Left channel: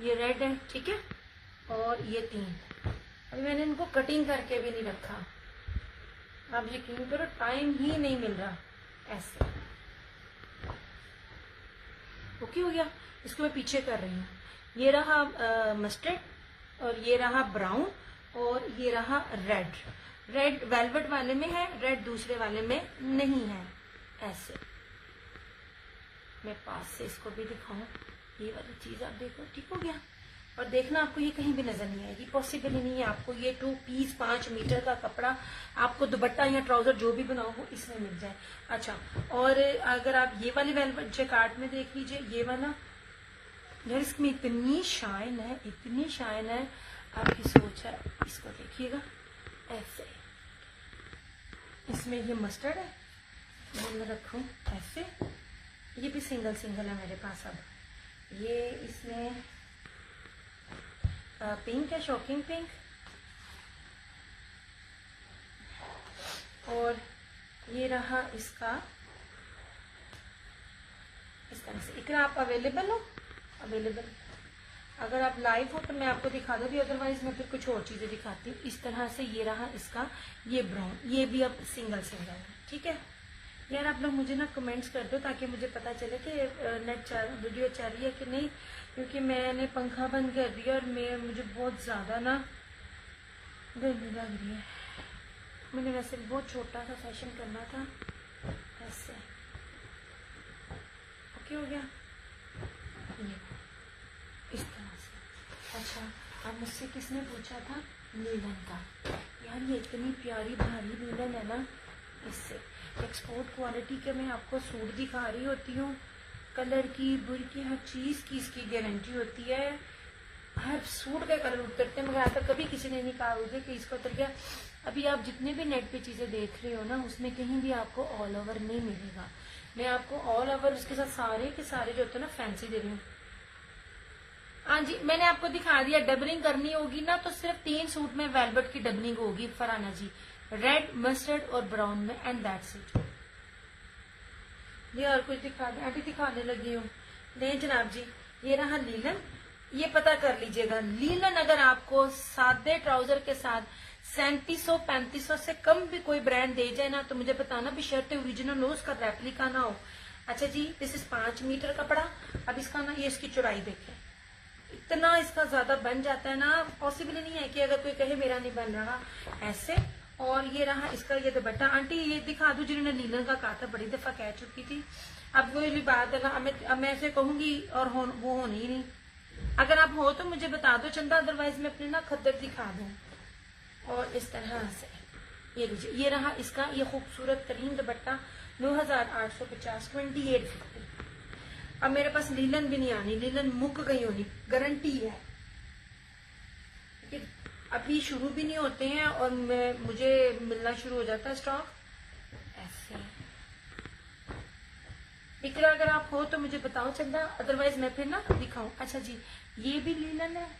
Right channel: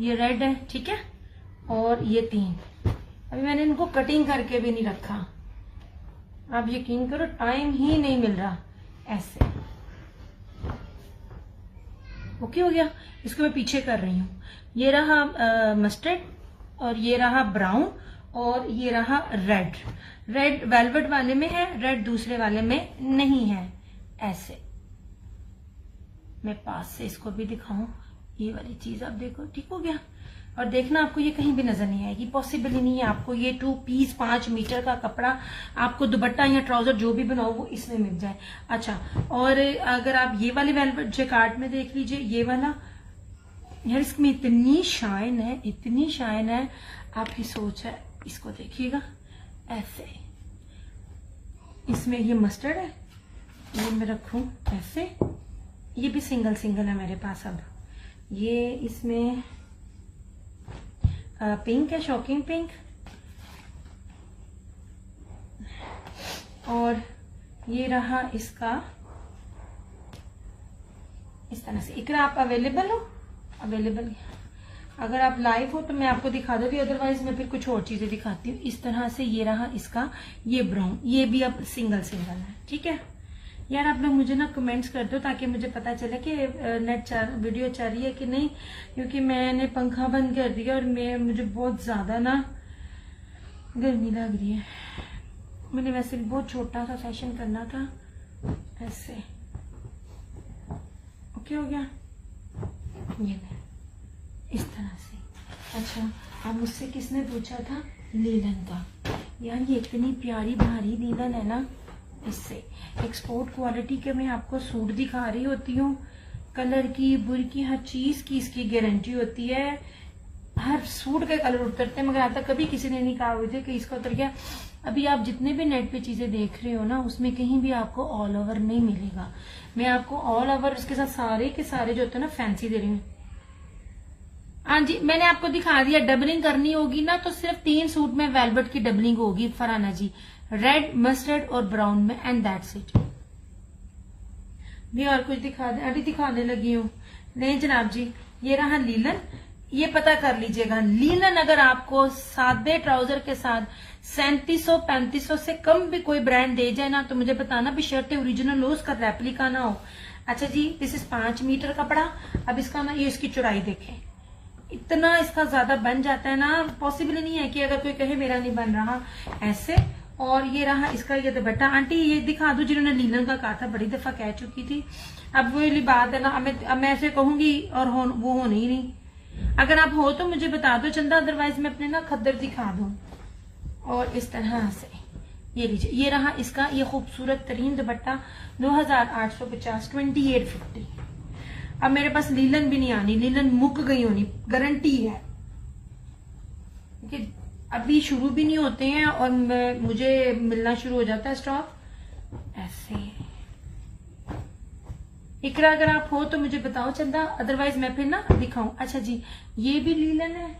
ये रेड है, ठीक है, और ये 3। अभी मैंने इनको कटिंग करके भी नहीं रखा, आप यकीन करो टाइम ही नहीं मिल रहा। ऐसे ओके हो गया। इसको मैं पीछे कर रही हूँ। ये रहा मस्टर्ड और ये रहा ब्राउन और ये रहा रेड। रेड वेलवेट वाले में है, रेड दूसरे वाले में नहीं है। ऐसे मैं पास से इसको भी दिखाऊं, ये वाली चीज आप देखो, ठीक हो गया। और देखना आपको ये कहीं भी नजर नहीं आएगी, पॉसिबल ही नहीं है आपको ये 2 पीस 5 मीटर का कपड़ा आपको दुपट्टा या ट्राउजर जो भी बनाओ वो इसमें मिल जाए। अच्छा, और अगर आप ये वाली वेलवेट जैकार्ड में देख लीजिए, ये वाला यार इसमें इतनी शाइन है, इतनी शाइन है, आपकी सोच है। इसको देखिएगा ऐसे, इसमें ये मस्टर्ड है, ये मैं रखूं ऐसे, ये भी सिंगल सिंगल है मेरे पास। अब ये इसमें पिंक है, शॉकिंग पिंक, और ये रहा इसका इस तरह से। इकरा आप अवेलेबल हो? अवेलेबल, अगर आप लाइव हो तो मैं आपको दिखा दूंगी, अदरवाइज मैं फिर कुछ और चीजें दिखाती हूँ। इस तरह से ये रहा इसका, ये ब्राउन, ये भी अब सिंगल सिंगल है, ठीक है। यार आप लोग मुझे ना कमेंट्स कर दो ताकि मुझे पता चले कि वीडियो चल रही है कि नहीं, क्योंकि मैंने पंखा बंद कर दिया और मुझे बहुत ज्यादा ना गर्मी लग रही है। मैंने वैसे बहुत छोटा सा फैशन करना था। ऐसे ओके हो गया, ये इस तरह से। अच्छा, अब मुझसे किसने पूछा था लीलन का। यार ये इतनी प्यारी भारी लीलन है ना, इससे एक्सपोर्ट क्वालिटी के मैं आपको सूट दिखा रही होती हूँ, कलर की, बुर की, हर चीज की इसकी गारंटी होती है। हर सूट के कलर उतरते हैं, मगर आज तक कभी किसी ने नहीं कहा मुझे कि इसका उतर गया। अभी आप जितने भी नेट पे चीजें देख रहे हो ना, उसमें कहीं भी आपको ऑल ओवर नहीं मिलेगा। मैं आपको ऑल ओवर उसके साथ सारे के सारे जो होते हैं ना फैंसी दे रही हूँ। हाँ जी, मैंने आपको दिखा दिया। डबलिंग करनी होगी ना तो सिर्फ 3 सूट में वेलवेट की डबलिंग होगी फरहाना जी, रेड, मस्टर्ड और ब्राउन में, एंड दैट्स इट। नहीं और कुछ दिखा दे, अभी दिखाने लगी हूँ। नहीं जनाब जी, ये रहा लीलन। ये पता कर लीजिएगा, लीलन अगर आपको सादे ट्राउजर के साथ 3700-3500 से कम भी कोई ब्रांड दे जाए ना, तो मुझे बताना भी शर्ट ओरिजिनल हो, उसका रेप्लिका ना हो। अच्छा जी, दिस इज 5 मीटर कपड़ा। अब इसका ना, ये इसकी चौड़ाई देखें, इतना इसका ज्यादा बन जाता है ना, पॉसिबल नहीं है कि अगर कोई कहे मेरा नहीं बन रहा। ऐसे, और ये रहा इसका ये दुपट्टा। आंटी ये दिखा दो जिन्होंने लीलन का कहा था, बड़ी दफा कह चुकी थी। अब वो वाली बात है ना, अब मैं ऐसे कहूंगी और वो होने ही नहीं। अगर आप हो तो मुझे बता दो चंदा, अदरवाइज मैं अपने ना खद्दर दिखा दूं। और इस तरह से ये लीजिए, ये रहा इसका ये खूबसूरत तरीन दुपट्टा, 9850, 2850। अब मेरे पास लीलन भी नहीं आनी, लीलन मुक गई होनी, गारंटी है, क्योंकि अभी शुरू भी नहीं होते हैं और मुझे मिलना शुरू हो जाता है स्टॉक। ऐसे इकरा अगर आप हो तो मुझे बताओ चंदा, अदरवाइज मैं फिर ना दिखाऊं। अच्छा जी, ये भी लीलन है,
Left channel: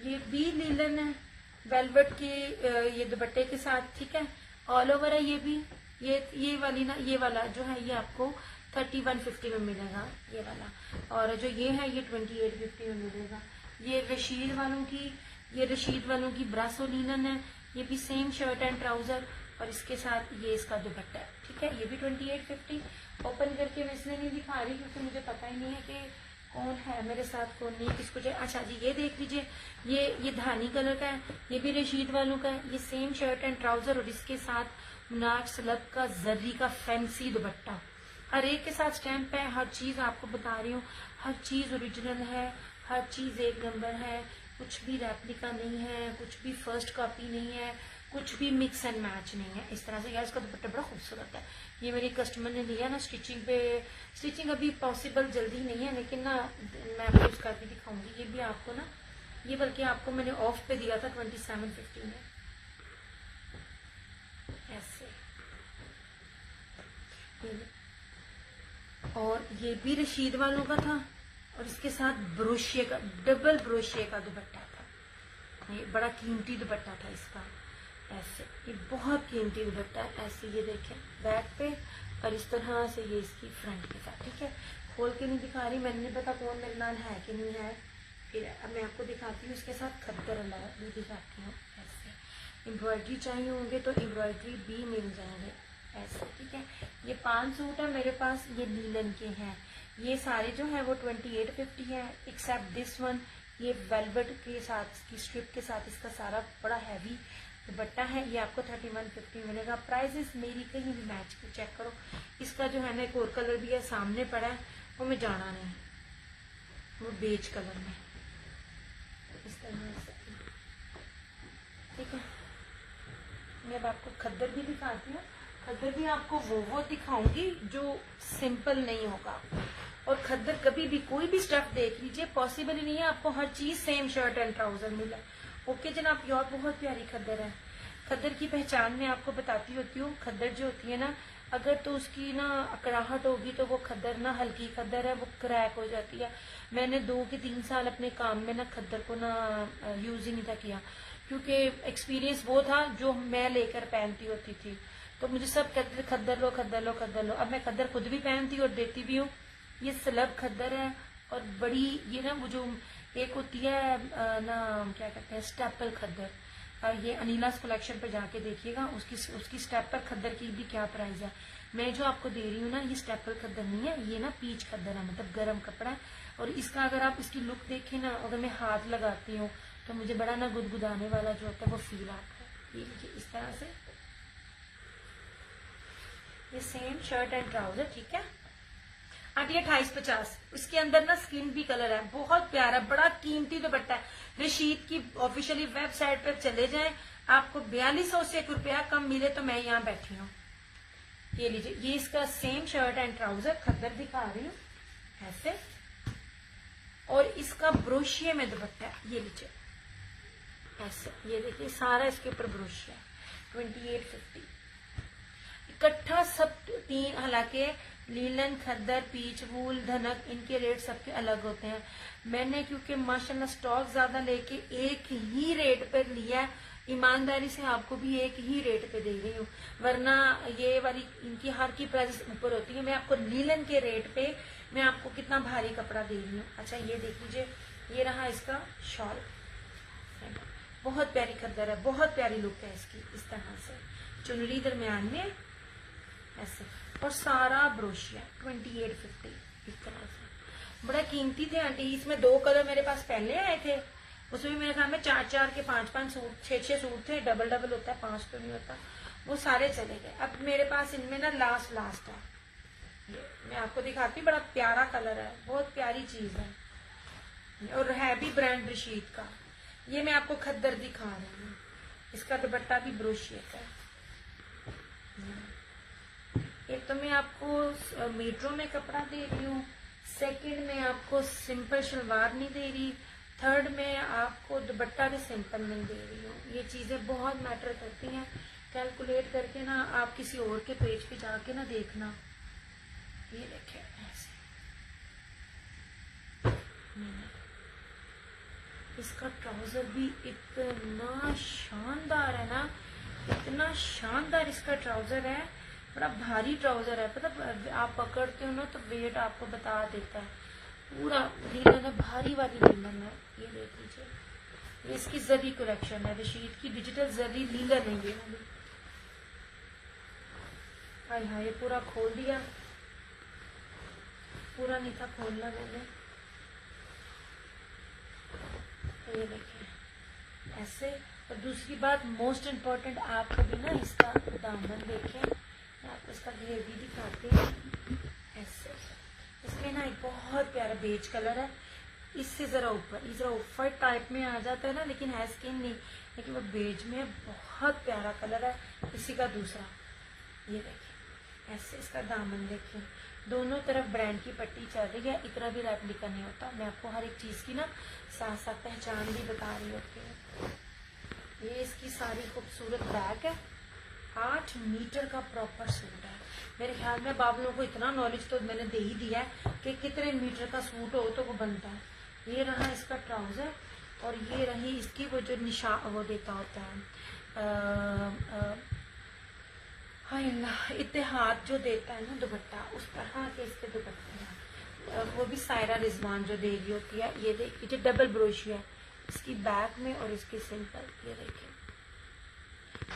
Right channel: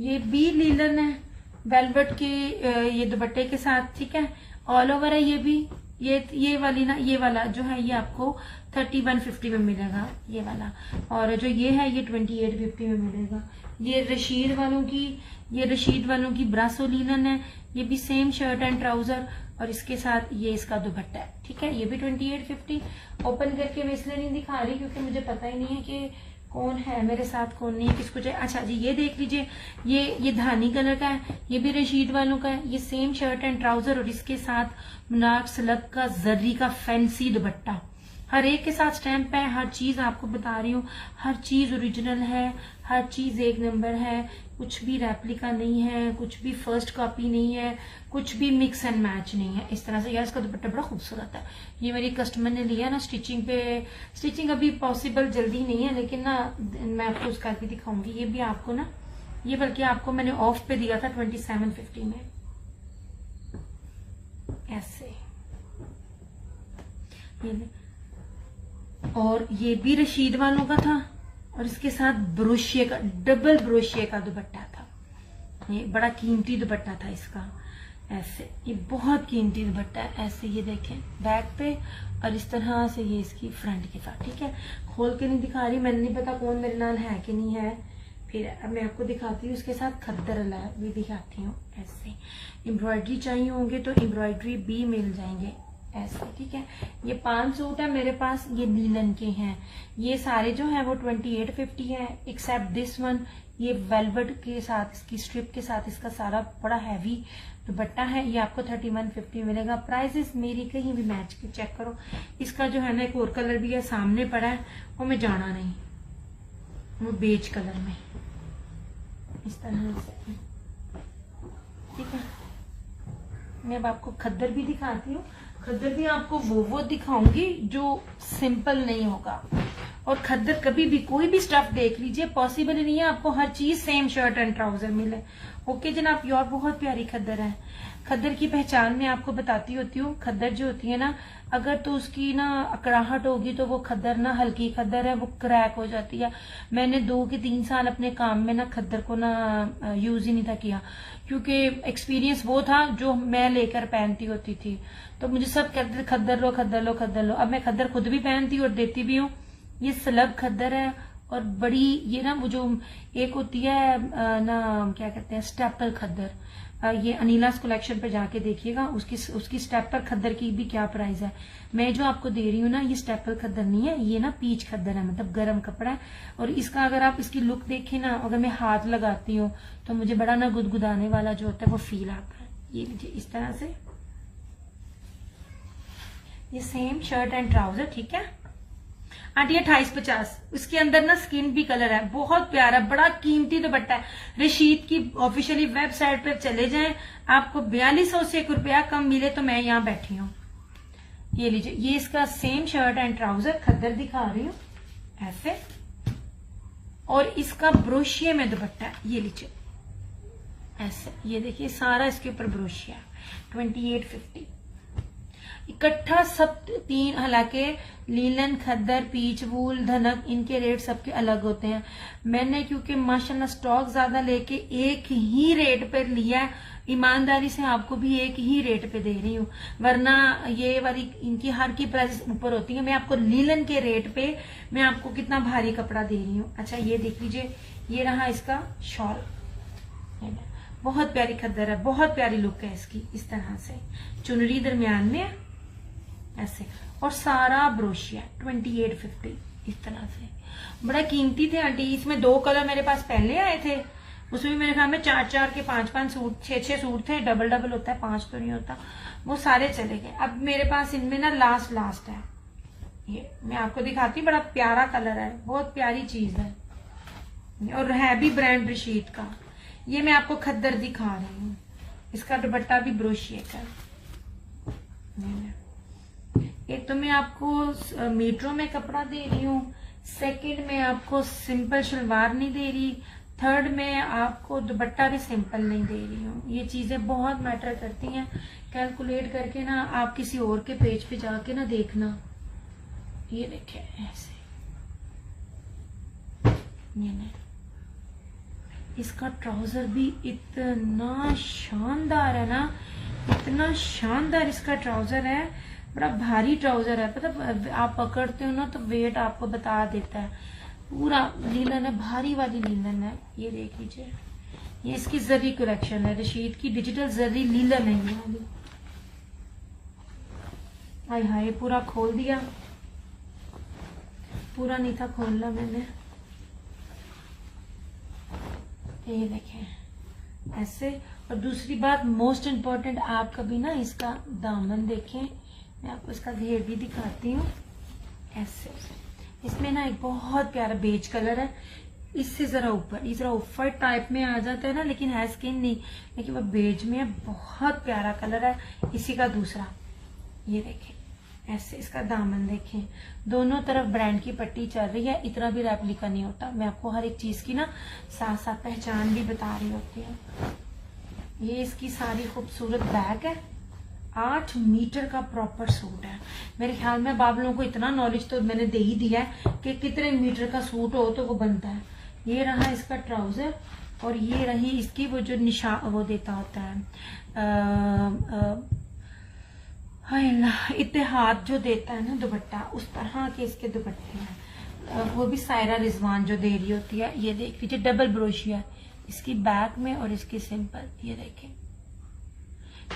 ये भी लीलन है वेलवेट के ये दुपट्टे के साथ, ठीक है, ऑल ओवर है। ये भी ये वाली ना, ये वाला जो है ये आपको 3150 में मिलेगा, ये वाला। और जो ये है ये 2850 में मिलेगा। ये रशीद वालों की ब्रासो लीलन है, ये भी सेम शर्ट एंड ट्राउजर और इसके साथ ये इसका दुपट्टा है, ठीक है। ये भी 2850। ओपन करके मैं इसलिए नहीं दिखा रही क्योंकि मुझे पता ही नहीं है कि कौन है मेरे साथ कौन नहीं है, किसको चाहिए। अच्छा जी, ये देख लीजिए, ये धानी कलर का है, ये भी रशीद वालों का है। ये सेम शर्ट एंड ट्राउजर और इसके साथ मुनार सलब का जर्री का फैंसी दुपट्टा, हर एक के साथ स्टैंप है। हर चीज आपको बता रही हूँ, हर चीज ओरिजिनल है, हर चीज एक नंबर है, कुछ भी रेप्लिका नहीं है, कुछ भी फर्स्ट कॉपी नहीं है, कुछ भी मिक्स एंड मैच नहीं है। इस तरह से यार इसका दुपट्टा बड़ा खूबसूरत है। ये मेरी कस्टमर ने लिया ना स्टिचिंग पे, स्टिचिंग अभी पॉसिबल जल्दी नहीं है, लेकिन ना मैं आपको उसका भी दिखाऊंगी। ये भी आपको ना, ये बल्कि आपको मैंने ऑफ पे दिया था 2750 में। ऐसे ये, और ये भी रशीद वालों का था और इसके साथ ब्रोशिये का, डबल ब्रोशिये का दुपट्टा था। ये बड़ा कीमती दुपट्टा था इसका। ऐसे ये बहुत कीमती दुपट्टा है। ऐसे ये देखें बैक पे, और इस तरह से ये इसकी फ्रंट के साथ, ठीक है। खोल के नहीं दिखा रही, मैंने नहीं पता कौन मेरे नाल है कि नहीं है, फिर अब मैं आपको दिखाती हूँ इसके साथ खद्दर भी दिखाती हूँ। ऐसे एम्ब्रॉयडरी चाहिए होंगे तो एम्ब्रॉयडरी भी मिल जाएंगे ऐसे, ठीक है। ये 5 सूट है मेरे पास, ये लीलन के हैं। ये सारे जो है वो 2850 है, एक्सेप्ट दिस वन। ये वेलवेट के साथ, इसकी स्ट्रिप के साथ इसका सारा बड़ा हैवी दुपट्टा है। ये आपको 3150 मिलेगा। प्राइसेस मेरी कहीं भी मैच की चेक करो। इसका जो है ना एक और कलर भी है, सामने पड़ा है, वो मैं जाना नहीं, वो बेज कलर में इस तरह से, ठीक है। मैं अब आपको खद्दर भी दिखाती हूँ। खद्दर भी आपको वो दिखाऊंगी जो सिंपल नहीं होगा। और खद्दर कभी भी कोई भी स्टफ देख लीजिए, पॉसिबल ही नहीं है आपको हर चीज सेम शर्ट एंड ट्राउजर मिले। ओके जनाब, प्योर बहुत प्यारी खद्दर है। खद्दर की पहचान मैं आपको बताती होती हूँ। खद्दर जो होती है ना, अगर तो उसकी ना अकड़ाहट होगी तो वो खद्दर ना हल्की खद्दर है, वो क्रैक हो जाती है। मैंने 2 के 3 साल अपने काम में ना खद्दर को ना यूज ही नहीं था किया, क्योंकि एक्सपीरियंस वो था जो मैं लेकर पहनती होती थी। तो मुझे सब कहते थे खद्दर लो खद्दर लो खद्दर लो। अब मैं खद्दर खुद भी पहनती हूँ और देती भी हूँ। ये स्लब खद्दर है और बड़ी, ये ना वो जो एक होती है ना क्या कहते हैं स्टेपल खद्दर, ये अनीलास कलेक्शन पे जाके देखिएगा, उसकी स्टेपल खद्दर की भी क्या प्राइस है। मैं जो आपको दे रही हूँ ना, ये स्टेपल खद्दर नहीं है, ये ना पीच खद्दर है, मतलब गर्म कपड़ा है। और इसका अगर आप इसकी लुक देखें ना, अगर मैं हाथ लगाती हूँ तो मुझे बड़ा ना गुदगुदाने वाला जो होता है वो फील आता है। ये मुझे इस तरह से, ये सेम शर्ट एंड ट्राउजर, ठीक है। आंटी 2850, उसके अंदर ना स्किन भी कलर है, बहुत प्यारा, बड़ा कीमती दुपट्टा है। रशीद की ऑफिशियली वेबसाइट पे चले जाएं, आपको 4200 से 1 रुपया कम मिले तो मैं यहाँ बैठी हूँ। ये लीजिए, ये इसका सेम शर्ट एंड ट्राउजर खद्दर दिखा रही हूँ ऐसे, और इसका ब्रोशिया में दुपट्टा है। ये लीजिए ऐसे, ये देखिए सारा इसके ऊपर ब्रोशिया, 2850 इकट्ठा सब 3। हालांकि लीलन, खद्दर, पीच वूल, धनक, इनके रेट सबके अलग होते हैं। मैंने क्योंकि माशाल्लाह स्टॉक ज्यादा लेके एक ही रेट पे लिया है, ईमानदारी से आपको भी एक ही रेट पे दे रही हूँ, वरना ये वाली इनकी हर की प्राइस ऊपर होती है। मैं आपको लीलन के रेट पे मैं आपको कितना भारी कपड़ा दे रही हूँ। अच्छा ये देख लीजिए, ये रहा इसका शॉल, बहुत प्यारी खद्दर है, बहुत प्यारी लुक है इसकी। इस तरह से चुनरी दरमियान में ऐसे, और सारा ब्रोशिया 2850 इस तरह से। बड़ा कीमती थे आंटी। इसमें 2 कलर मेरे पास पहले आए थे, उसमें मेरे ख्याल में 4 के 5 सूट, 6 सूट थे। डबल होता है, 5 तो नहीं होता, वो सारे चले गए। अब मेरे पास इनमें ना लास्ट है। ये मैं आपको दिखाती, बड़ा प्यारा कलर है, बहुत प्यारी चीज है, और है भी ब्रांड रशीद का। ये मैं आपको खद्दर दिखा रही हूँ, इसका दुपट्टा भी ब्रोशिया का है। एक तो मैं आपको मीटरों में कपड़ा दे रही हूँ, सेकंड में आपको सिंपल शलवार नहीं दे रही, थर्ड में आपको दुपट्टा भी सिंपल नहीं दे रही हूँ। ये चीजें बहुत मैटर करती हैं। कैलकुलेट करके ना आप किसी और के पेज पे जाके ना देखना। ये देखें ऐसे, इसका ट्राउजर भी इतना शानदार है ना, इतना शानदार इसका ट्राउजर है, बड़ा भारी ट्राउजर है। मतलब आप पकड़ते हो ना तो वेट आपको बता देता है। पूरा लीलन है, भारी वाली लीलन है। ये देख लीजिए, ये इसकी जरी कलेक्शन है, रशीद की डिजिटल जरी लीलन है ये वाली। हाय हाय, पूरा खोल दिया, पूरा नहीं था खोलना मैंने। ये देखें ऐसे। और दूसरी बात मोस्ट इम्पोर्टेंट, आप कभी ना इसका दामन देखें, मैं आपको इसका घेर भी दिखाती हूँ ऐसे। इसमें ना एक बहुत प्यारा बेज कलर है, इससे जरा ऊपर टाइप में आ जाता है ना, लेकिन है स्किन नहीं, लेकिन वो बेज में बहुत प्यारा कलर है। इसी का दूसरा, ये देखें ऐसे, इसका दामन देखें, दोनों तरफ ब्रांड की पट्टी चल रही है। इतना भी रेप्लिका नहीं होता। मैं आपको हर एक चीज की ना साथ साथ पहचान भी बता रही होती है। ये इसकी सारी खूबसूरत बैग है, 8 मीटर का प्रॉपर सूट है। मेरे ख्याल में बाबलों को इतना नॉलेज तो मैंने दे ही दिया है कि कितने मीटर का सूट हो तो वो बनता है। ये रहा इसका ट्राउजर, और ये रही इसकी वो जो वो देता होता है इत्तेहाद जो देता है ना दुपट्टा, उस तरह के इसके दुपट्टे हैं। वो भी सायरा रिजवान जो दे रही होती है। ये देख लीजिए डबल ब्रोशिया है इसकी बैक में और इसकी सिंपल। ये देखिए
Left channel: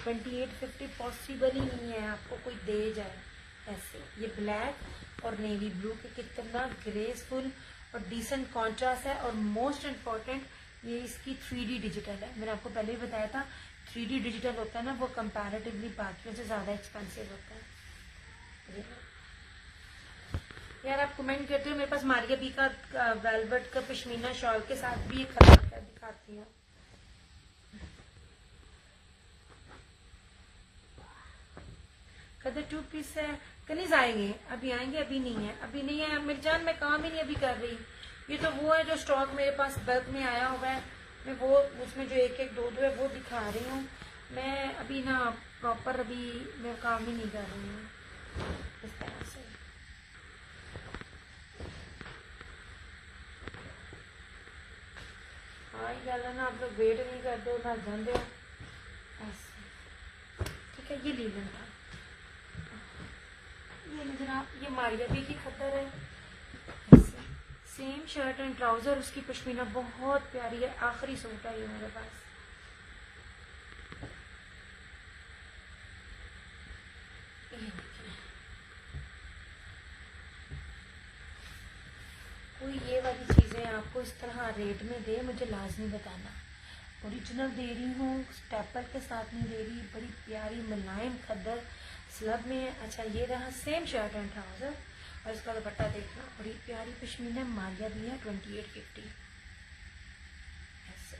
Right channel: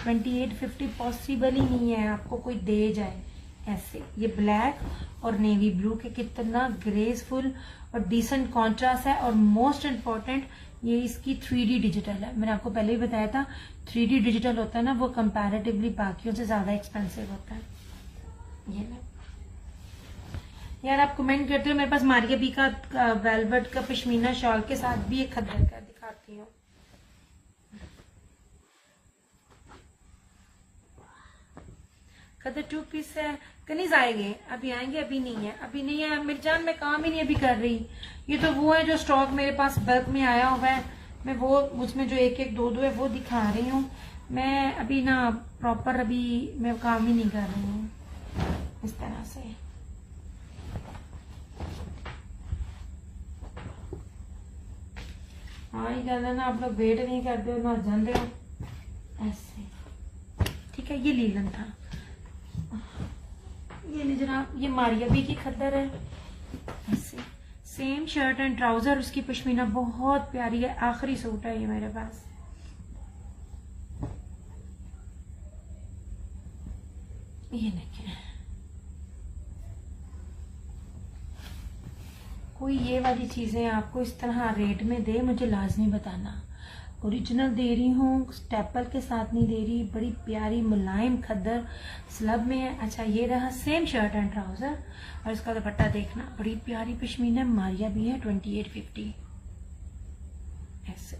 2850 पॉसिबल ही नहीं है आपको कोई दे जाए ऐसे। ये ब्लैक और नेवी ब्लू के कितना ग्रेसफुल और डिसेंट कॉन्ट्रास्ट है। और मोस्ट इम्पॉर्टेंट ये इसकी 3D डिजिटल है। मैंने आपको पहले ही बताया था 3D डिजिटल होता है ना, वो कंपैरेटिवली बाकियों से ज्यादा एक्सपेंसिव होता है। ये ना यार आप कमेंट करते हो, मेरे पास मारिया बी का वेलवेट का पश्मीना शॉल के साथ भी एक खतर का दिखाती हूँ। खतर 2 पीस है, कनीज आएंगे, अभी आएंगे, अभी नहीं है, अभी नहीं है मेरी जान, मैं काम ही नहीं अभी कर रही। ये तो वो है जो स्टॉक मेरे पास बल्क में आया हुआ है, मैं वो उसमें जो एक एक दो दो है वो दिखा रही हूँ। मैं अभी ना प्रॉपर अभी मैं काम ही नहीं कर रही हूँ इस तरह से। हाँ ये कहना ना आप लोग वेट नहीं करते हो ना जानते हो ऐसे। ठीक है ये लीलन था। ये नहीं जनाब ये मारिया बी की खद्दर है ऐसे। सेम शर्ट एंड ट्राउजर, उसकी पश्मीना बहुत प्यारी है। आखिरी सूट है ये मेरे पास। ये देखिए कोई ये वाली चीजें आपको इस तरह रेट में दे मुझे लाजमी बताना। ओरिजिनल दे रही हूँ, स्टेपल के साथ नहीं दे रही। बड़ी प्यारी मुलायम खद्दर स्लब में है। अच्छा ये रहा सेम शर्ट एंड ट्राउजर और इसका दुपट्टा देखना, बड़ी प्यारी पश्मीना मारिया भी है 2850 ऐसे।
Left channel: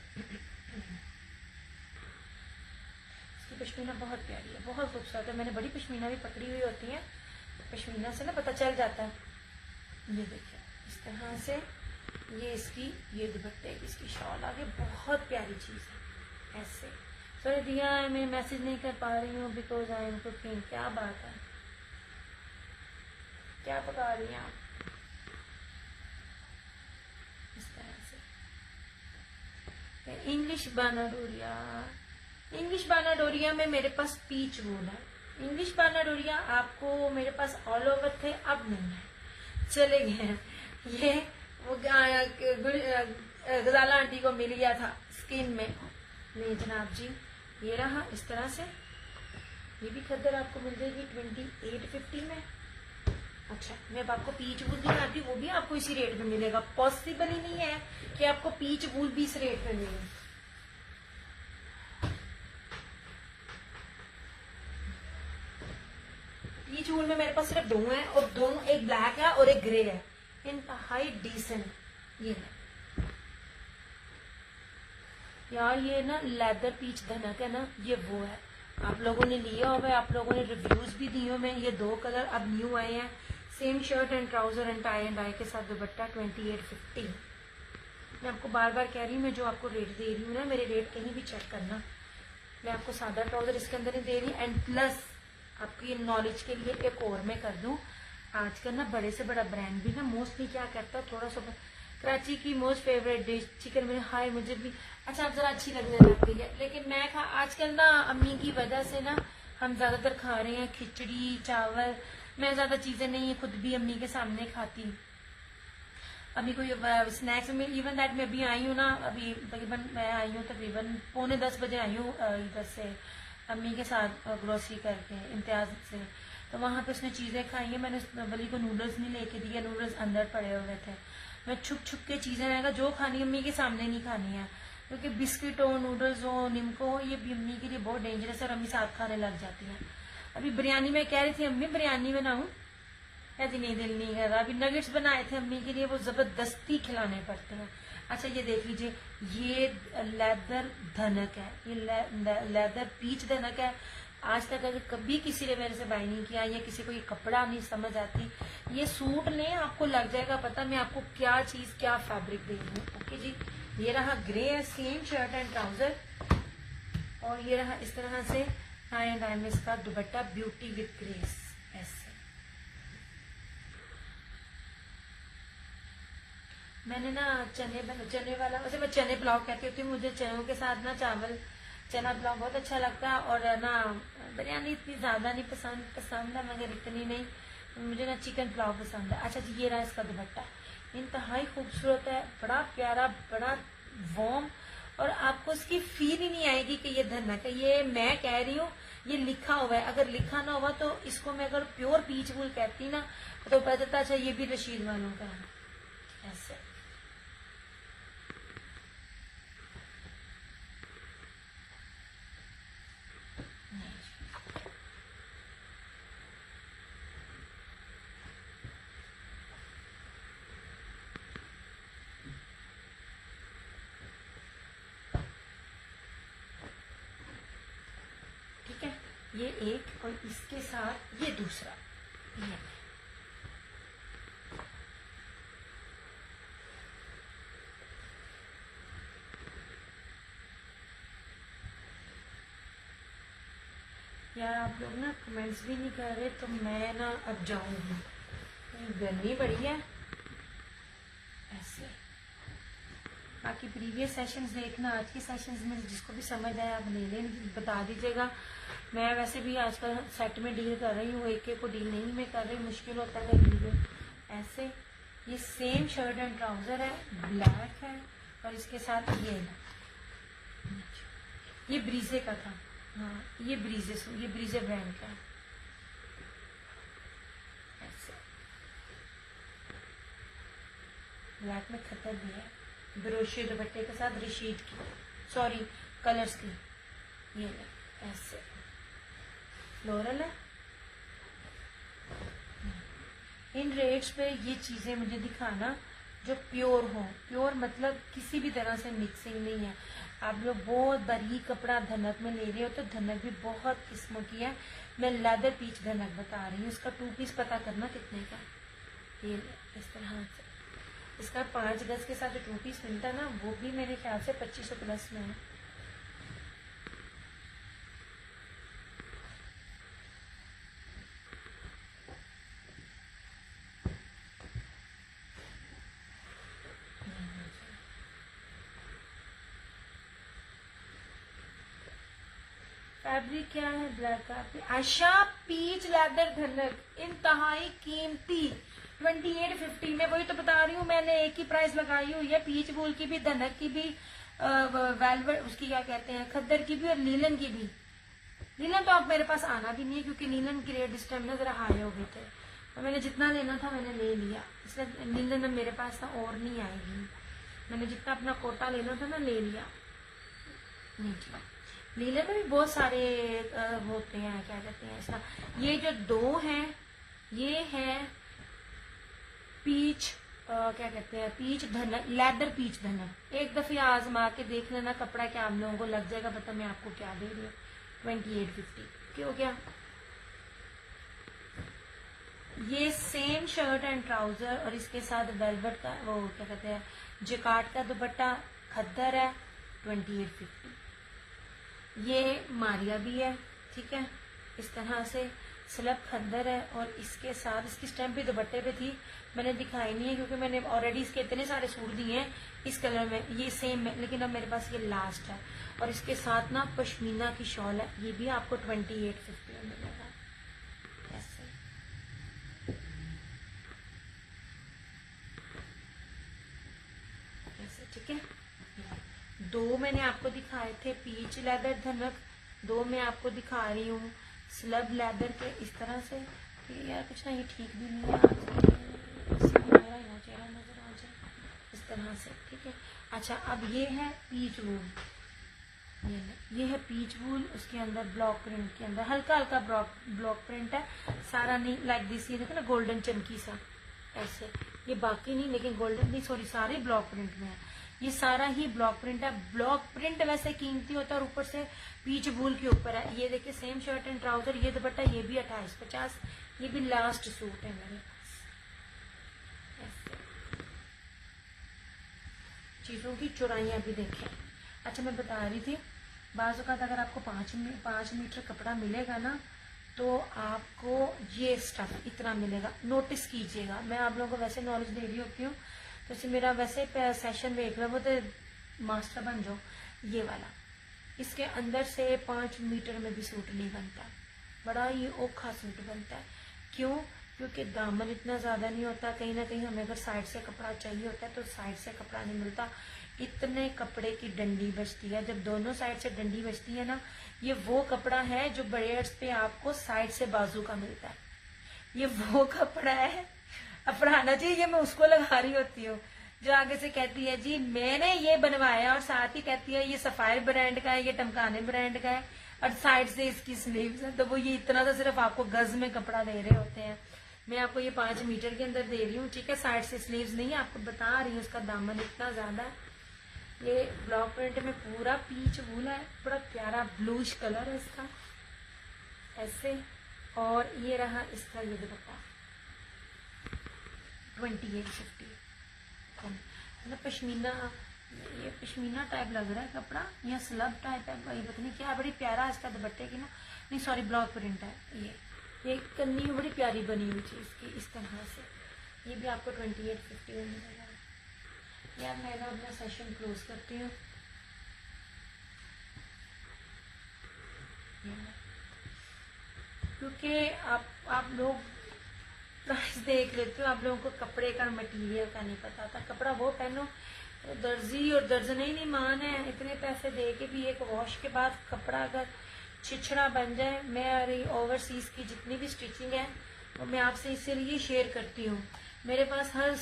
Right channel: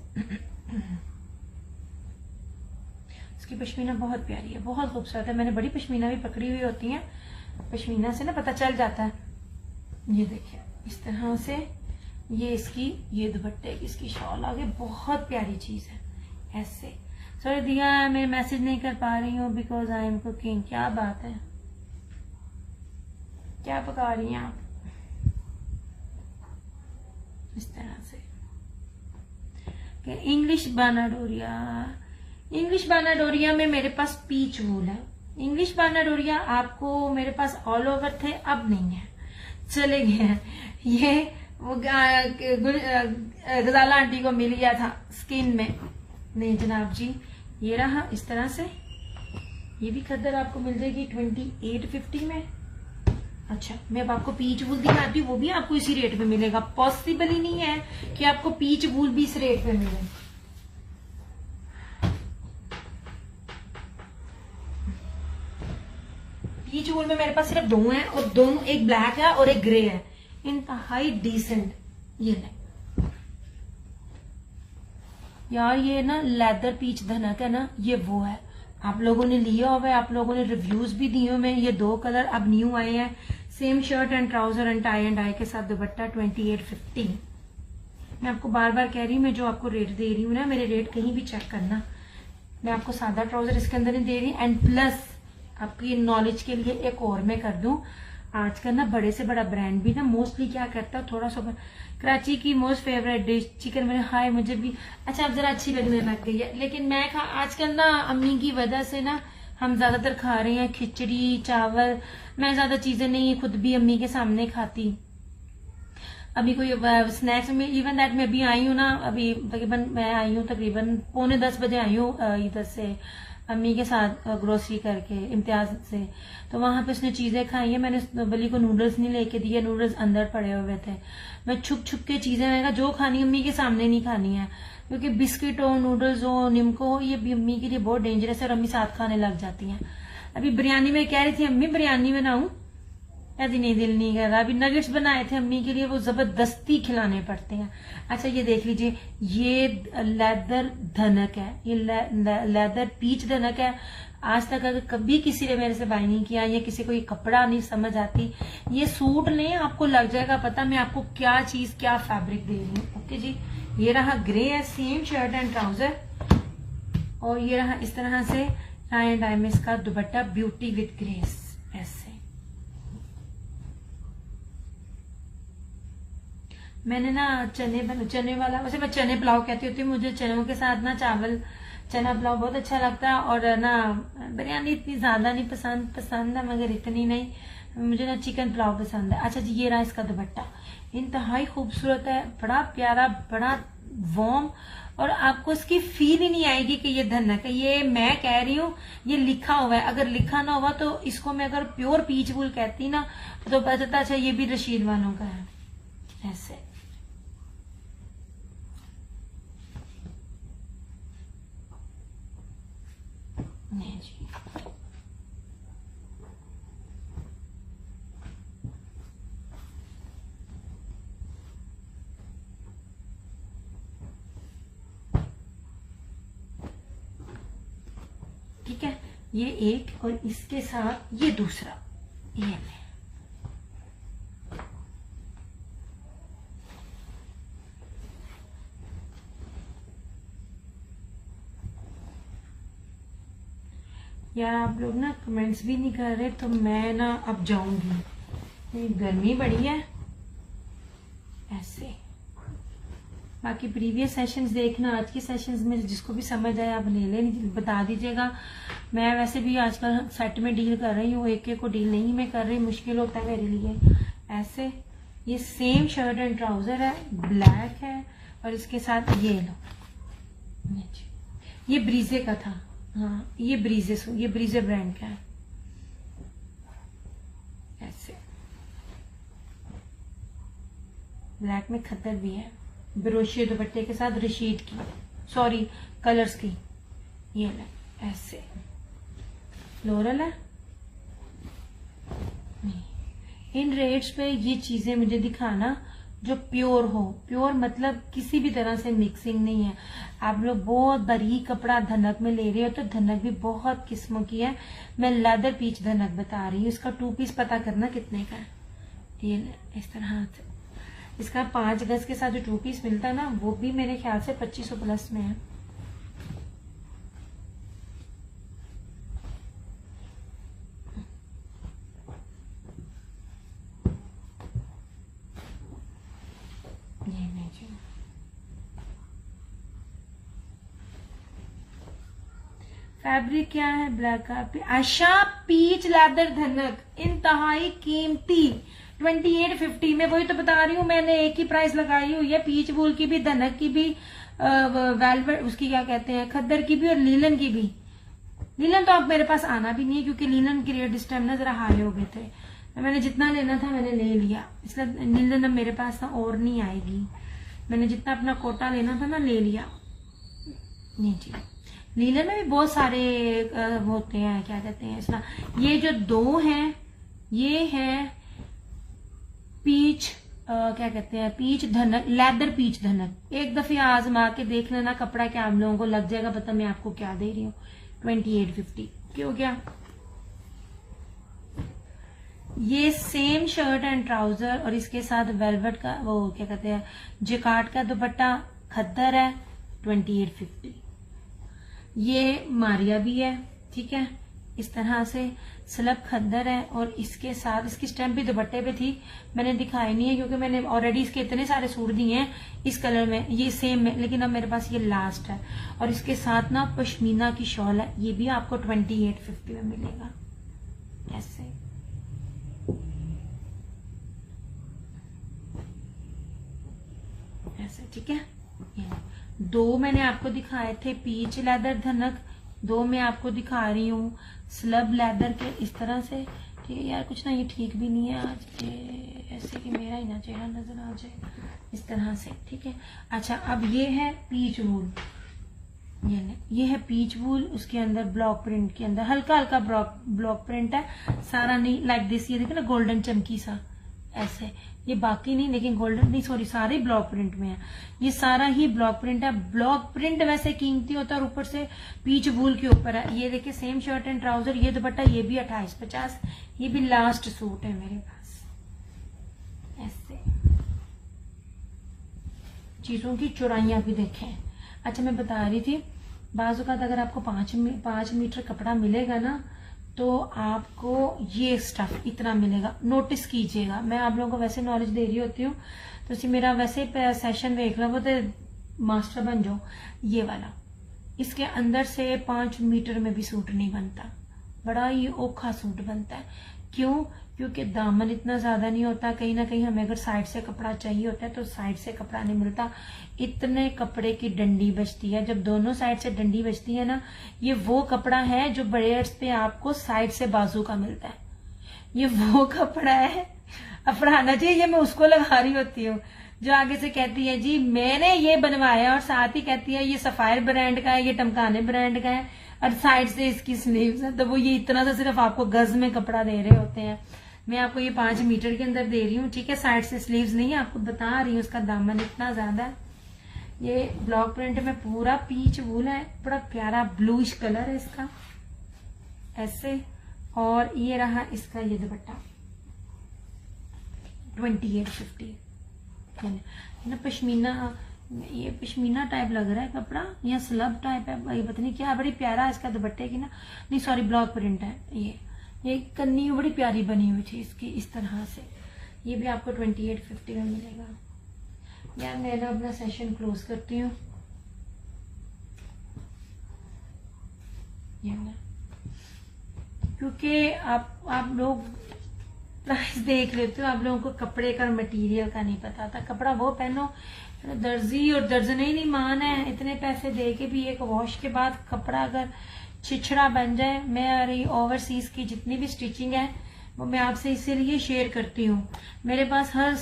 इसकी पश्मीना बहुत प्यारी है, बहुत खूबसूरत है। मैंने बड़ी पश्मीना भी पकड़ी हुई होती है, पश्मीना से ना पता चल जाता है। ये देखिए इस तरह से ये इसकी ये दुपट्टे की इसकी शॉल आ गई, बहुत प्यारी चीज है ऐसे। सॉरी दिया मैं मैसेज नहीं कर पा रही हूँ बिकॉज आई एम कुकिंग। क्या बात है, क्या पका रही हैं आप? इस तरह से इंग्लिश बानाडोरिया, इंग्लिश बानाडोरिया में मेरे पास पीच वूल है। इंग्लिश बानाडोरिया आपको मेरे पास ऑल ओवर थे, अब नहीं है, चले गए हैं। ये वो गजाला आंटी को मिल गया था स्किन में। नहीं जनाब जी ये रहा इस तरह से। ये भी खद्दर आपको मिल जाएगी 2850 में। अच्छा मैं अब आपको पीच वूल दिखाती हूँ, वो भी आपको इसी रेट पे मिलेगा। पॉसिबल ही नहीं है कि आपको पीच वूल भी इस रेट पे मिले। पीच वूल में मेरे पास सिर्फ दो हैं और दोनों एक ब्लैक है और एक ग्रे है, इंतहाई डिसेंट। ये है यार ये ना लेदर पीच धनक है ना, ये वो है आप लोगों ने लिया हुआ है, आप लोगों ने रिव्यूज भी दिए हुए हैं। ये दो कलर अब न्यू आए हैं। Same shirt and trouser and tie and dye के साथ दुपट्टा 2850। मैं आपको बार बार कह रही हूँ, मैं जो आपको रेट दे रही हूँ ना, मेरे रेट कहीं भी चेक करना। मैं आपको सादा ट्राउजर इसके अंदर नहीं दे रही। एंड प्लस आपकी नॉलेज के लिए एक और मैं कर दूं, आजकल ना बड़े से बड़ा ब्रांड भी ना मोस्टली क्या करता है, थोड़ा सा कराची की मोस्ट फेवरेट डिश चिकन मेरे हाय मुझे भी अच्छा अब जरा अच्छी लगने लग गई है। लेकिन मैं आजकल ना अम्मी की वजह से ना हम ज्यादातर खा रहे हैं खिचड़ी चावल। मैं ज्यादा चीजें नहीं खुद भी अम्मी के सामने खाती। अभी कोई स्नैक्स में इवन दैट मैं अभी आई हूँ ना, अभी तकरीबन मैं आई हूँ तकरीबन 9:45 बजे आई हूँ इधर से अम्मी के साथ ग्रोसरी करके इम्तियाज से। तो वहां पे उसने चीजें खाई है। मैंने बली को नूडल्स नहीं लेके दिए, नूडल्स अंदर पड़े हुए थे। मैं छुप छुप के चीजें, मैंने कहा जो खानी अम्मी के सामने नहीं खानी है, क्योंकि बिस्किट हो नूडल्स हो निमको हो ये भी अम्मी के लिए बहुत डेंजरस है और अम्मी साथ खाने लग जाती हैं। अभी बिरयानी में कह रही थी अम्मी बिरयानी बनाऊं, अभी नहीं दिल नहीं कर रहा। अभी नगेट्स बनाए थे अम्मी के लिए, वो जबरदस्ती खिलाने पड़ते हैं। अच्छा ये देख लीजिए ये लेदर धनक है, ये लेदर पीच धनक है। आज तक अगर कभी किसी ने मेरे से बाय नहीं किया या किसी को ये कपड़ा नहीं समझ आती, ये सूट नहीं आपको लग जाएगा पता मैं आपको क्या चीज क्या फैब्रिक दे रही हूँ। ओके जी ये रहा ग्रे है, सेम शर्ट एंड ट्राउजर और ये रहा इस तरह से टाई एंड डाई में इसका दुपट्टा ब्यूटी विद ग्रेस ऐसे। मैंने ना चने वाला, उसे मैं चने पुलाव कहती होती हूँ। मुझे चनों के साथ ना चावल चना पुलाव बहुत अच्छा लगता है और ना बिरयानी इतनी ज्यादा नहीं पसंद है मगर इतनी नहीं, मुझे ना चिकन पुलाव पसंद है। अच्छा जी ये रहा इसका दुपट्टा, इंतहाई खूबसूरत है, बड़ा प्यारा, बड़ा वार्म, और आपको इसकी फील ही नहीं आएगी कि ये धनक है। ये मैं कह रही हूँ, ये लिखा हुआ है। अगर लिखा ना हुआ तो इसको मैं अगर प्योर पीच वूल कहती ना तो पता अच्छा ये भी रशीद वालों का है। ऐसे नहीं जी, ठीक है। ये एक, और इसके साथ ये दूसरा, ये नहीं। यार आप लोग ना कमेंट्स भी नहीं कर रहे, तो मैं ना अब जाऊंगी, नहीं गर्मी बड़ी है। ऐसे बाकी प्रीवियस सेशंस देखना, आज के सेशंस में जिसको भी समझ आया आप ले लें, बता दीजिएगा। मैं वैसे भी आजकल सेट में डील कर रही हूँ, एक एक को डील नहीं मैं कर रही, मुश्किल होता है मेरे लिए। ऐसे ये सेम शर्ट एंड ट्राउजर है, ब्लैक है, और इसके साथ ये लो, ये ब्रीजे का था। हाँ ये ब्रीजे ब्रांड का है। ऐसे ब्लैक में खद्दर भी है, ब्रोशियो दुपट्टे के साथ, रशीद की, सॉरी कलर्स की। ये ना ऐसे फ्लोरल है। इन रेट्स पे ये चीजें मुझे दिखाना जो प्योर हो। प्योर मतलब किसी भी तरह से मिक्सिंग नहीं है। आप लोग बहुत बारीक कपड़ा धनक में ले रहे हो तो धनक भी बहुत किस्मों की है। मैं लेदर पीच धनक बता रही हूँ। इसका 2 पीस पता करना कितने का है। ये इस तरह से इसका 5 गज के साथ जो 2 पीस मिलता है ना, वो भी मेरे ख्याल से 2500 प्लस में है। फैब्रिक क्या है? ब्लैक का। आशा पीच लेदर धनक, इंतहाई कीमती 2850 में। वही तो बता रही हूँ, मैंने एक ही प्राइस लगाई हुई है। पीच वूल की भी, धनक की भी, वेलवेट उसकी क्या कहते हैं, खद्दर की भी, और लीलन की भी। लीलन तो अब मेरे पास आना भी नहीं है क्योंकि लीलन के रेट इस टाइम ना जरा हाई हो गए थे। तो मैंने जितना लेना था मैंने ले लिया, इसलिए लीलन अब मेरे पास ना और नहीं आएगी। मैंने जितना अपना कोटा लेना था ना ले लिया। नहीं जी, लीलन में भी बहुत सारे होते हैं, क्या कहते हैं इसका। ये जो 2 हैं ये है पीच, क्या कहते हैं, पीच धनक, लेदर पीच धनक। एक दफे आजमा के देख लेना कपड़ा, क्या आप लोगों को लग जाएगा पता मैं आपको क्या दे रही हूँ। 2850 क्यों गया। ये सेम शर्ट एंड ट्राउजर और इसके साथ वेलवेट का वो क्या कहते हैं जिकार्ड का दुपट्टा, खद्दर है 2850। ये मारिया भी है, ठीक है, इस तरह से स्लब खद्दर है। और इसके साथ इसकी स्टैम्प भी दुपट्टे पे थी, मैंने दिखाई नहीं है क्योंकि मैंने ऑलरेडी इसके इतने सारे सूट दिए हैं इस कलर में, ये सेम में, लेकिन अब मेरे पास ये लास्ट है। और इसके साथ ना पश्मीना की शॉल है, ये भी आपको 2850 में मिलेगा। ऐसे ऐसे ठीक है। 2 मैंने आपको दिखाए थे पीच लेदर धनक, 2 मैं आपको दिखा रही हूँ स्लब लेदर के इस तरह से। ठीक है यार, कुछ ना ये ठीक भी नहीं है आज, ऐसे कि मेरा ही ना चेहरा नजर आ जाए इस तरह से, ठीक है। अच्छा, अब ये है पीच वूल, ये है पीच वूल, उसके अंदर ब्लॉक प्रिंट के अंदर हल्का हल्का ब्लॉक प्रिंट है, सारा नहीं लाइक दिस। ये देखो ना गोल्डन चमकी सा ऐसे, ये बाकी नहीं लेकिन गोल्डन नहीं, सॉरी सारे ब्लॉक प्रिंट में है। ये सारा ही ब्लॉक प्रिंट है। ब्लॉक प्रिंट वैसे कीमती होता है और ऊपर से पीच वूल के ऊपर है। ये देखिए सेम शर्ट एंड ट्राउजर, ये दुपट्टा, ये भी 2850। ये भी लास्ट सूट है मेरे पास। ऐसे चीजों की चौड़ाइयां भी देखें। अच्छा, मैं बता रही थी बाजू का अगर आपको 5 मीटर कपड़ा मिलेगा ना तो आपको ये स्टफ इतना मिलेगा। नोटिस कीजिएगा, मैं आप लोगों को वैसे नॉलेज दे रही होती हूँ तो इसी मेरा वैसे सेशन देख लो वो तो मास्टर बन जाओ। ये वाला इसके अंदर से 5 मीटर में भी सूट नहीं बनता, बड़ा ही औखा सूट बनता है। क्यों? क्योंकि दामन इतना ज्यादा नहीं होता, कहीं ना कहीं हमें अगर साइड से कपड़ा चाहिए होता है तो साइड से कपड़ा नहीं मिलता, इतने कपड़े की डंडी बचती है। जब दोनों साइड से डंडी बचती है ना, ये वो कपड़ा है जो बड़े एड्स पे आपको साइड से बाजू का मिलता है, ये वो कपड़ा है। अफराना जी ये मैं उसको लगा रही होती हूँ जो आगे से कहती है जी मैंने ये बनवाया, और साथ ही कहती है ये सफायर ब्रांड का है, ये टमकाने ब्रांड का है, और साइड से इसकी स्लीव्स है। तो वो ये इतना सा सिर्फ आपको गज में कपड़ा दे रहे होते हैं। मैं आपको ये 5 मीटर के अंदर दे रही हूँ, ठीक है, साइड से स्लीव्स नहीं, आपको बता रही हूँ उसका दामन इतना ज्यादा है। ये ब्लॉक प्रिंट में पूरा पीच वूल है, बड़ा प्यारा ब्लूइश कलर है इसका ऐसे। और ये रहा इसका ये दुपट्टा 2850 ना, पश्मीना, ये पश्मीना टाइप लग रहा है कपड़ा या स्लब टाइप है, ये पता नहीं क्या, बड़ी प्यारा है इसका दुपट्टे की ना, नहीं सॉरी ब्लॉक प्रिंट है। ये कन्नी बड़ी प्यारी बनी हुई थी इसकी इस तरह से, ये भी आपको 2850 में मिलेगा। यार मैं ना अपना सेशन क्लोज करती हूँ, क्योंकि आप लोग प्राइस देख लेते हो, आप लोगों को कपड़े का मटेरियल का नहीं पता था। कपड़ा वो पहनो, दर्जी और दर्जन ही नहीं मान है, इतने पैसे दे के भी एक वॉश के बाद कपड़ा अगर छिछड़ा बन जाए। मैं ओवरसीज की जितनी भी स्टिचिंग है वो मैं आपसे इसीलिए शेयर करती हूँ। मेरे पास हर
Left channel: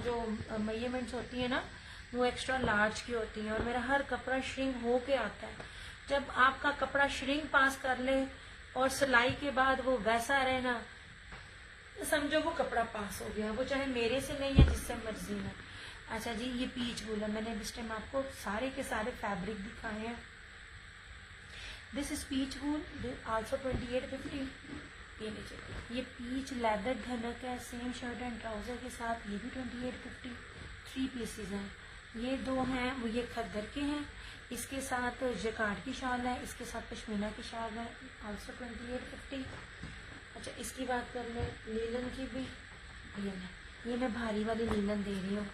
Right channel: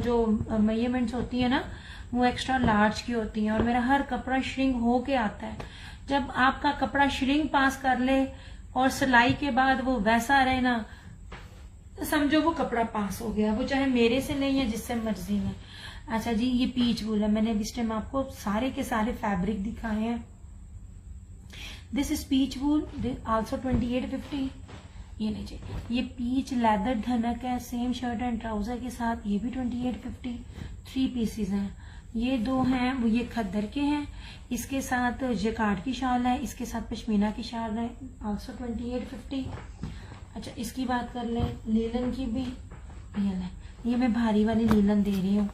जो मेजरमेंट्स होती है ना वो एक्स्ट्रा लार्ज की होती हैं, और मेरा हर कपड़ा श्रिंक हो के आता है। जब आपका कपड़ा श्रिंक पास कर ले और सिलाई के बाद वो वैसा रहे ना, तो समझो वो कपड़ा पास हो गया, वो चाहे मेरे से नहीं है जिससे मर्जी है। अच्छा जी ये पीच वूल है, मैंने इस टाइम आपको सारे के सारे फैब्रिक दिखाए हैं। This is peach wool also 2850। ये लीजिए, ये पीच लेदर धनक है, सेम शर्ट एंड ट्राउजर के साथ, ये भी 2850। 3 पीसेज हैं, ये 2 हैं वो ये खद्दर के हैं, इसके साथ जकार्ड की शाल है, इसके साथ पश्मीना की शाल है, आल्सो 2850। अच्छा इसकी बात कर लें लीलन की भी, ये मैं भारी वाली लीलन दे रही हूँ।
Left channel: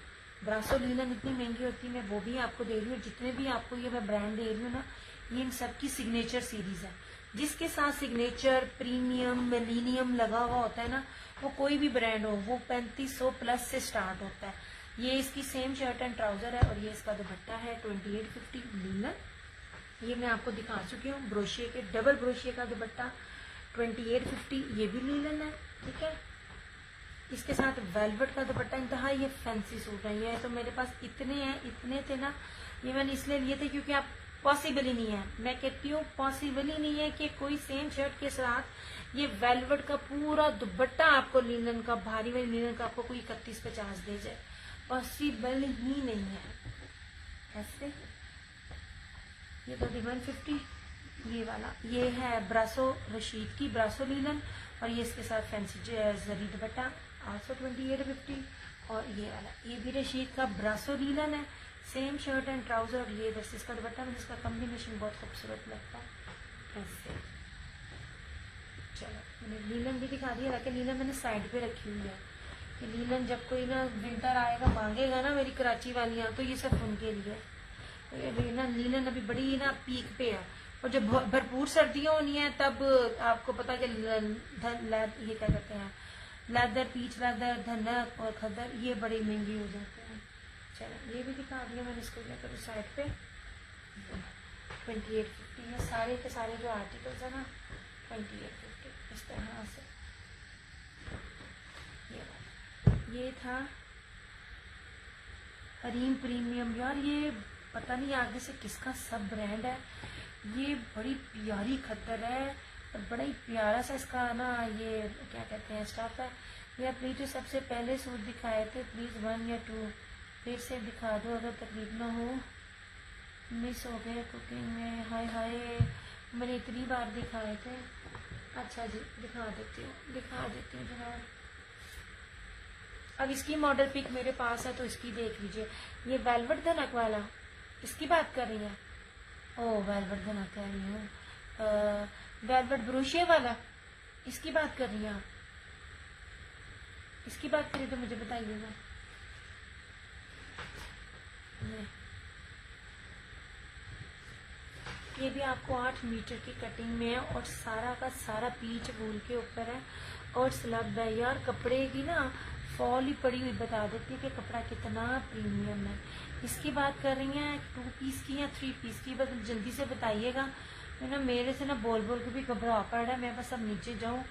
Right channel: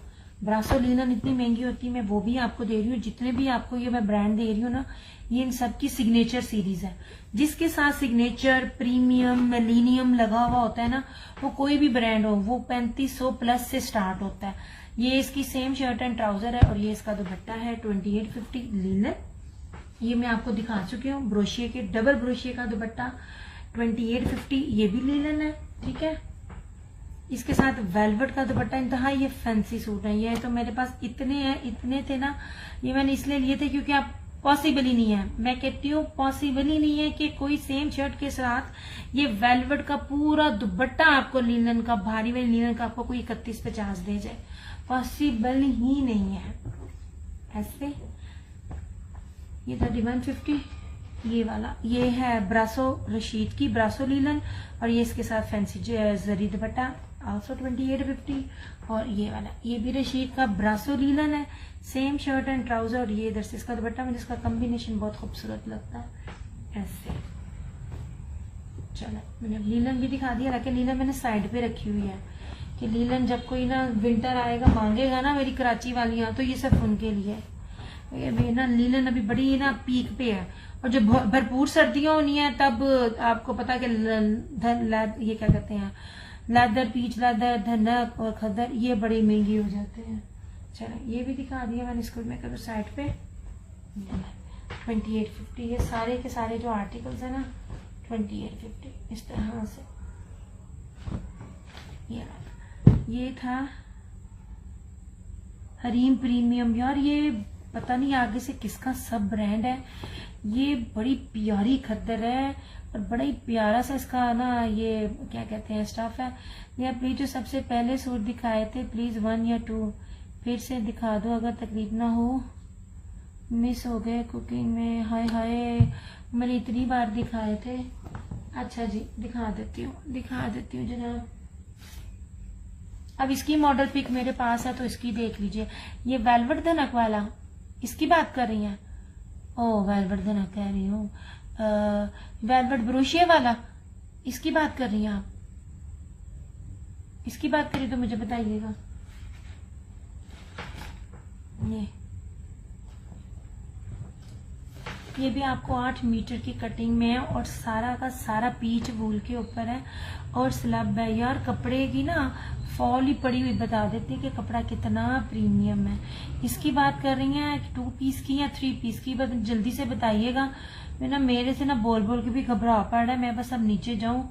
ब्रासो लीलन इतनी महंगी होती है, मैं वो भी आपको दे रही हूँ। जितने भी आपको ये मैं ब्रांड दे रही हूँ ना, ये इन सब की सिग्नेचर सीरीज है, जिसके साथ सिग्नेचर प्रीमियम मिलीनियम लगा हुआ होता है ना, वो कोई भी ब्रांड हो वो 3500 प्लस से स्टार्ट होता है। ये इसकी सेम शर्ट एंड ट्राउजर है, और ये इसका दुपट्टा है 2850 लीलन। ये मैं आपको दिखा चुकी हूँ, ब्रोशिये के डबल ब्रोशिये का दुपट्टा 2850, ये भी लीलन है, ठीक है। इसके साथ वेलवेट का दुपट्टा, इंतहा ये फैंसी सूट है। ये तो मेरे पास इतने हैं, इतने थे ना, ये मैंने इसलिए लिए थे क्योंकि आप पॉसिबल ही नहीं है, मैं कहती हूँ पॉसिबल ही नहीं है कि कोई सेम शर्ट के साथ ये वेलवेट का पूरा दुपट्टा आपको लीलन का, भारी वाली लीलन का आपको कोई 3150 दे जाए, पॉसिबल ही नहीं है ऐसे। ये 3150 ये वाला, ये है ब्रासो रशीद की ब्रासो लीलन, और ये इसके साथ फैंसी जरी दुपट्टा आल्सो 2850। और ये वाला ये भी रशीद का ब्रासो लीलन है, सेम शर्ट एंड ट्राउजर, और ये इधर से इसका दुपट्टा, मुझे इसका कॉम्बिनेशन बहुत खूबसूरत लगता है ऐसे। चलो मैंने लीलन भी दिखा दिया, हालांकि लीलन मैंने साइड पे रखी हुई है कि लीलन जब कोई ना विंटर आएगा मांगेगा ना मेरी कराची वालियाँ, तो ये सब उनके लिए है। ये ना लीलन अभी बड़ी ना पीक पे है, और जब भरपूर सर्दियां होनी है तब आपको पता है कि ये क्या कहते हैं लेदर, पीच लेदर, धनक और खद्दर, ये बड़े महंगे हो जाते हैं। चलो ये भी दिखा दिया मैंने, इसको मैं करूँ साइड पे 2850। ये सारे के सारे जो आर्टिकल्स है ना 2850 इस तरह से। ये था हरीम प्रीमियम, यार ये पता नहीं आगे से किसका सब ब्रांड है, ये बड़ी प्यारी खद्दर है और बड़ा ही प्यारा सा इसका ना ये क्या कहते हैं स्टफ है। ये प्लीज जो सबसे पहले सूट दिखाए थे प्लीज 1 या 2 फिर से दिखा दो अगर तकलीफ ना हो, मिस हो गए कुकिंग में, हाय हाय मैंने इतनी बार दिखाए थे। अच्छा जी दिखा देती हूँ जनाब। अब इसकी मॉडल पिक मेरे पास है तो इसकी देख लीजिए। ये वेलवेट धनक वाला इसकी बात कर रही हैं? ओह वेलवेट धनक कह रही हूँ, वेलवेट ब्रोशिया वाला इसकी बात कर रही हैं आप? इसकी बात करिए तो मुझे बताइएगा। ये भी आपको 8 मीटर की कटिंग में है और सारा का सारा पीच वूल के ऊपर है और स्लब है। यार कपड़े की ना फॉल ही पड़ी हुई बता देती है कि कपड़ा कितना प्रीमियम है। इसकी बात कर रही हैं 2 पीस की या 3 पीस की, बस जल्दी से बताइएगा। मेरे से ना बोल बोल के भी घबरा पड़ रहा है। मैं बस अब नीचे जाऊं,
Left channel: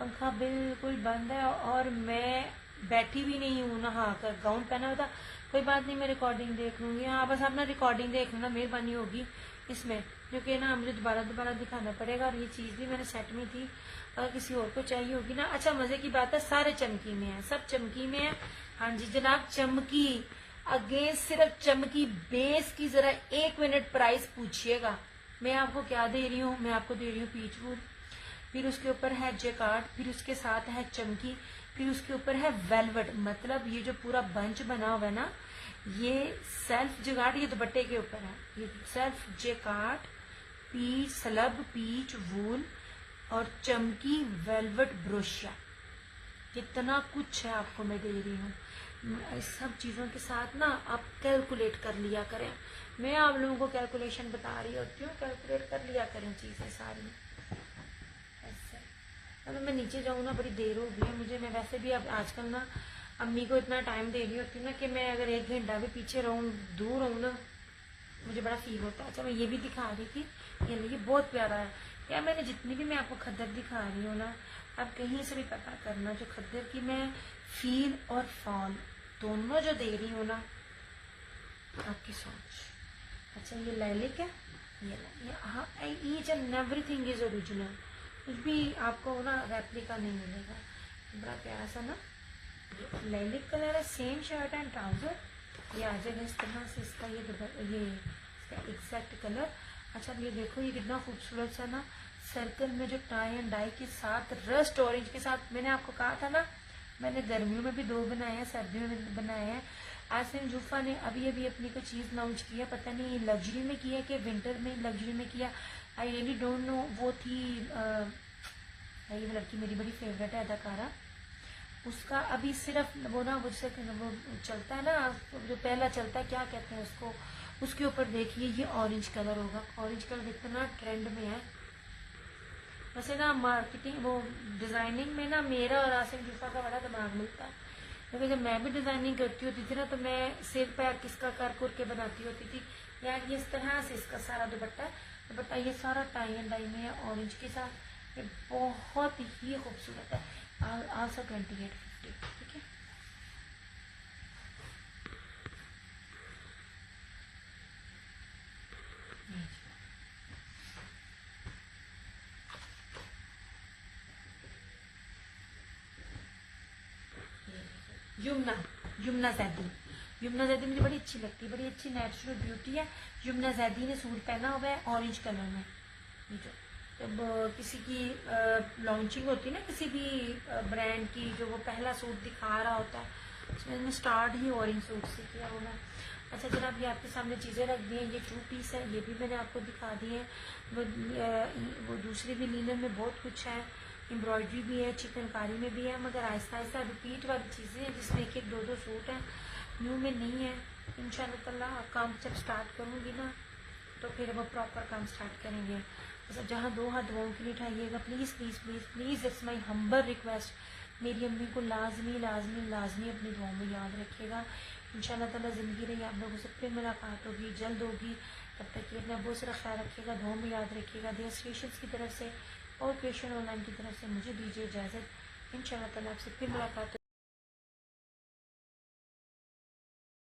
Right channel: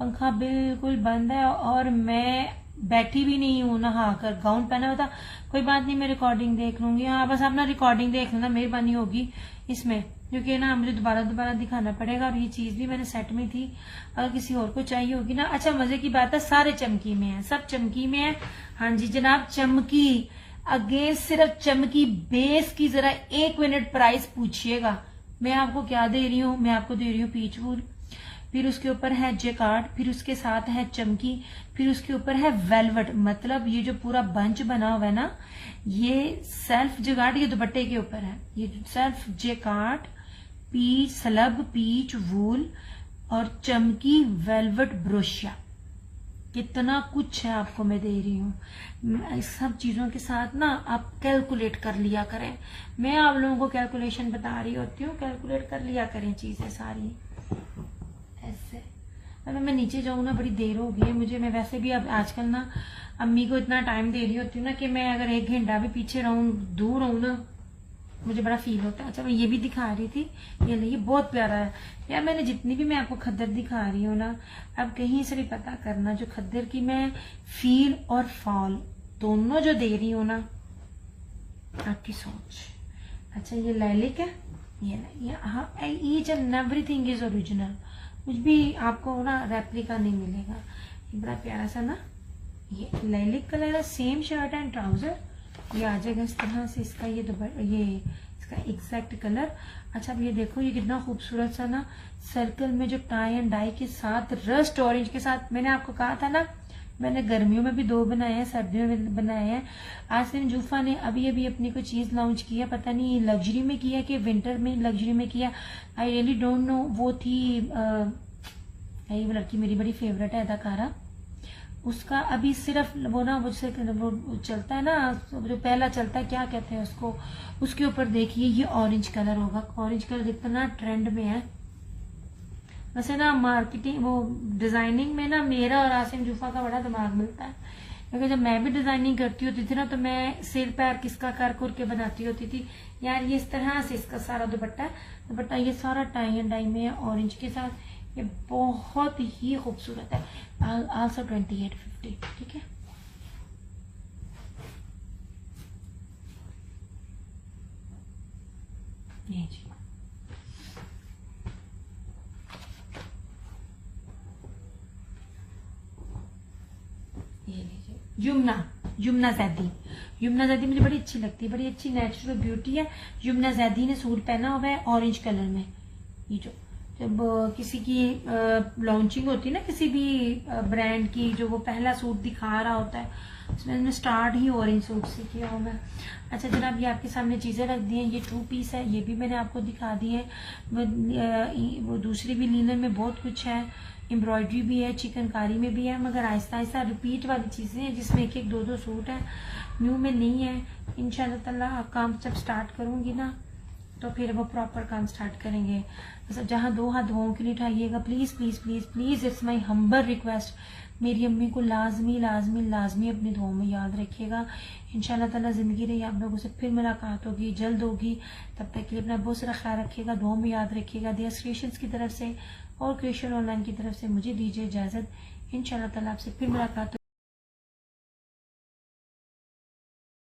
पंखा बिल्कुल बंद है और मैं बैठी भी नहीं हूँ नहा कर, गाउन पहना हुआ था। कोई बात नहीं, मैं रिकॉर्डिंग देख लूंगी। हाँ बस आप ना रिकॉर्डिंग देख लेना, मेहरबानी होगी इसमें, क्योंकि ना मुझे दोबारा दोबारा दिखाना पड़ेगा। और ये चीज भी मैंने सेट में थी, अगर किसी और को चाहिए होगी ना। अच्छा मजे की बात है, सारे चमकी में है, सब चमकी में है। हाँ जी जनाब, चमकी अगेंस्ट सिर्फ चमकी बेस की जरा 1 मिनट प्राइस पूछिएगा। मैं आपको क्या दे रही हूँ, मैं आपको दे रही हूँ पीच वूल, फिर उसके ऊपर है जेकार्ड, फिर उसके साथ है चमकी, फिर उसके ऊपर है वेलवेट। मतलब ये जो पूरा बंच बना हुआ है ना, ये सेल्फ जेकार्ड, ये दुपट्टे के ऊपर है, ये self jacquard, peach slub, peach wool और चमकी वेलवेट ब्रोशिया। कितना कुछ है आपको मैं दे रही हूँ। इस सब चीजों के साथ ना आप कैलकुलेट कर लिया करें। मैं आप लोगों को कैलकुलेशन बता रही होती हूँ, कैलकुलेट कर लिया करें चीजें सारी। ऐसे अगर मैं नीचे जाऊँ ना, बड़ी देर हो गई है मुझे। मैं वैसे भी अब आजकल ना अम्मी को इतना टाइम दे रही होती हूँ ना कि मैं अगर 1 घंटा भी पीछे रहूँ, दूर रहूँ ना, मुझे बड़ा फील होता है। अच्छा मैं ये भी दिखा रही थी, ये नहीं, ये बहुत प्यारा है यार। मैंने जितनी भी मैं आपको खद्दर दिखा रही हूँ ना, अब कहीं से भी पता करना, जो खद्दर की मैं फील और फॉल दोनों जो दे रही हूँ ना, आपकी सोच। अच्छा ये लैलिक है, ये हाँ, each and everything is original, कुछ भी आपको ना रेप्लिका नहीं मिलेगा। बड़ा प्यारा सा ना ये लैलिक कलर है, सेम शर्ट एंड ट्राउजर, ये आ जाएगा इस तरह से। इसका ये इसका एग्जैक्ट कलर। अच्छा अब ये देखो, ये कितना खूबसूरत सा ना सर्कल में जो टाई एंड डाई के साथ, रस्ट ऑरेंज के साथ। मैंने आपको कहा था ना, मैंने गर्मियों में भी 2 बनाए हैं, सर्दियों में बनाए हैं। आसिम जूफा ने अभी अभी अपनी कोई चीज लॉन्च किया, पता नहीं लग्जरी में किया कि विंटर में लग्जरी में किया, आई रियली डोंट नो। वो थी ये लड़की मेरी बड़ी फेवरेट है अदाकारा, उसका अभी सिर्फ वो ना मुझसे वो चलता है ना, जो पहला चलता है, क्या कहते हैं उसको, उसके ऊपर देखिए ये ऑरेंज कलर होगा। ऑरेंज कलर इतना ट्रेंड में है। वैसे ना मार्केटिंग वो डिजाइनिंग में ना मेरा और आसिम जूफा का बड़ा दिमाग मिलता है, क्योंकि जब मैं भी डिजाइनिंग करती होती थी ना, तो मैं सिर पैर किसका कर कर के बनाती होती थी। यार ये इस तरह से इसका सारा दुपट्टा है, दुपट्टा ये सारा टाई एंड डाई में है ऑरेंज के साथ, ये बहुत ही खूबसूरत है। आल्सो 2850, ठीक है। ये यमुना यमुना जैदी, यमुना जैदी मुझे बड़ी अच्छी लगती है, बड़ी अच्छी नेचुरल ब्यूटी है। यमुना जैदी ने सूट पहना हुआ है ऑरेंज कलर में। ये जो जब किसी की लॉन्चिंग होती है ना, किसी भी ब्रांड की, जो वो पहला सूट दिखा रहा होता है, उसमें मैंने स्टार्ट ही ऑरेंज सूट से किया हुआ है। अच्छा जनाब ये आपके सामने चीज़ें रख दी हैं, ये 2 पीस है, ये भी मैंने आपको दिखा दी है। वो दूसरी भी लीलन में बहुत कुछ है, एम्ब्रॉयडरी भी है, चिकनकारी में भी है, मगर आहिस्ता आहिस्ता रिपीट वाली चीज़ें हैं जिसमें 1 1 2 2 सूट हैं, न्यू में नहीं है। इंशाल्लाह ताला काम जब स्टार्ट करूँगी ना, तो फिर वो प्रॉपर काम स्टार्ट करेंगे। मतलब जहाँ 2 हाथ धों के नहीं उठाइएगा, please please please please, it's my humble request. मेरी अम्मी को लाजमी लाजमी लाजमी अपनी दुआओं में याद रखिएगा। इंशाल्लाह ताला ज़िंदगी रही आप लोगों से फिर मुलाकात होगी, जल्द होगी। तब तक कि अपना बहुत सारा ख्याल रखिएगा, दुआओं में याद रखिएगा। दिया क्रिएशंस की तरफ से और क्रिएशन ऑनलाइन की तरफ से मुझे दीजिए इजाज़त। इंशाल्लाह ताला आपसे फिर मुलाकात